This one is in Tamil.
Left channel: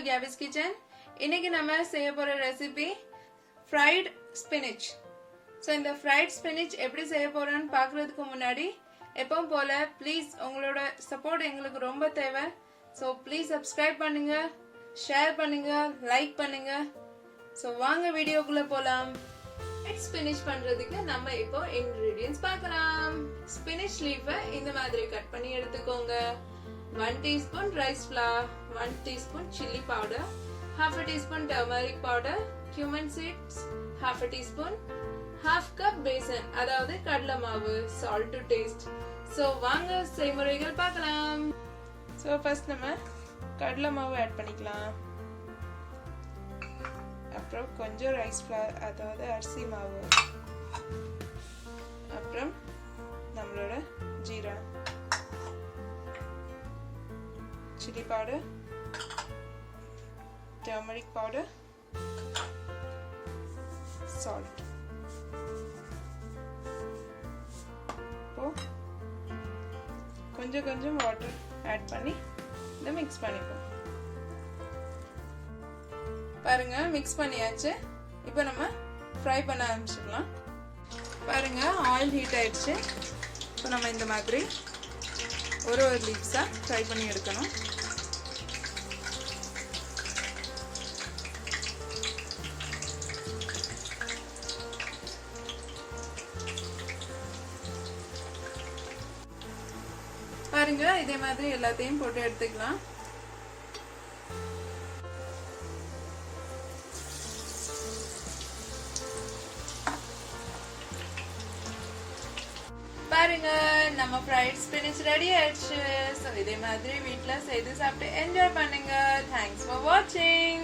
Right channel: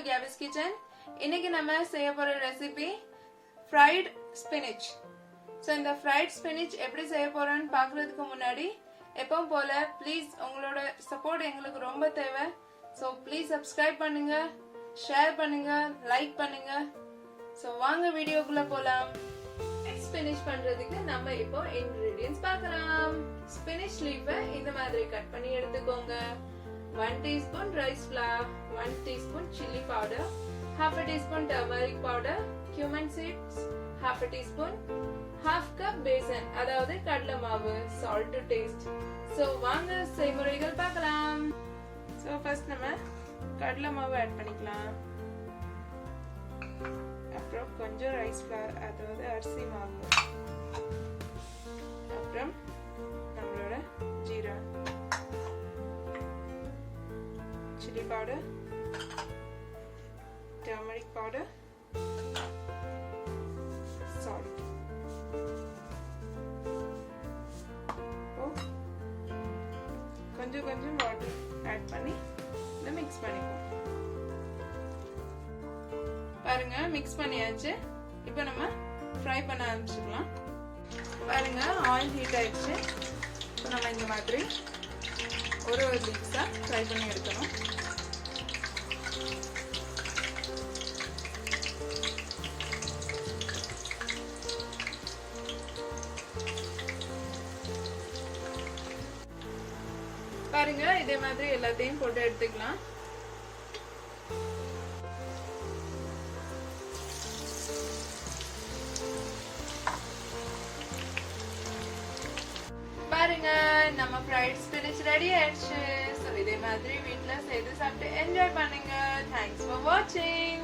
to Gabby's Kitchen. இன்னைக்கு நம்ம செய்ய போற ரெசிபி fried spinach. So இந்த fried spinach எப்படி செய்ய போறோம்னு பார்க்கிறதுக்கு முன்னாடி எப்பவும் போல ப்ளீஸ் உங்களோட சப்போர்ட் எங்களுக்கு ரொம்ப தேவை. So ப்ளீஸ் subscribe பண்ணுங்க, ஷேர் பண்ணுங்க, லைக் பண்ணுங்க. So வாங்க வீடியோக்குள்ள போலாம். fried spinach பண்றதுக்கு நம்ம இப்போ ingredients பார்க்கலாம். spinach leaf இந்த மாதிரி கட் பண்ணி எடுத்துக்கோங்க. 1 teaspoon rice flour, 1 teaspoon chilli powder, half a teaspoon turmeric powder, cumin seeds, half a teaspoon, half cup basan, அதாவது கடலை மாவு, salt to taste. So வாங்க செய்முறைகள் பார்க்கலாம். So first நம்ம கடலை மாவு ஆட் பண்ணிக்கலாம். அப்புறம் கொஞ்சம் ரைஸ் flour, அதாவது அரிசி மாவு. அப்புறம் நம்மளோட jeera, chili powder, turmeric powder, salt. கொஞ்சம் வாட்டர் ஆட் பண்ணி இதை மிக்ஸ் பண்ணிப்போம். பாருங்க மிக்ஸ் பண்ணியாச்சு. இப்போ நம்ம ஃப்ரை பண்ண ஆரம்பிச்சிடலாம். பாருங்க ஆயில் ஹீட் ஆயிடுச்சு. இப்போ நம்ம இந்த மாதிரி ஒரு லீவ்ஸா ஃப்ரை பண்ணி எடுக்கணும். பாருங்க இதே மாதிரி எல்லாத்தையும் போட்டு எடுத்துக்கலாம். பாருங்க நம்ம fried spinach ரெடி ஆயிடுச்சு. சோ இதே மாதிரி வீட்ல செய்து சாப்பிட்டு என்ஜாய் பண்ணுங்க. Thanks for watching.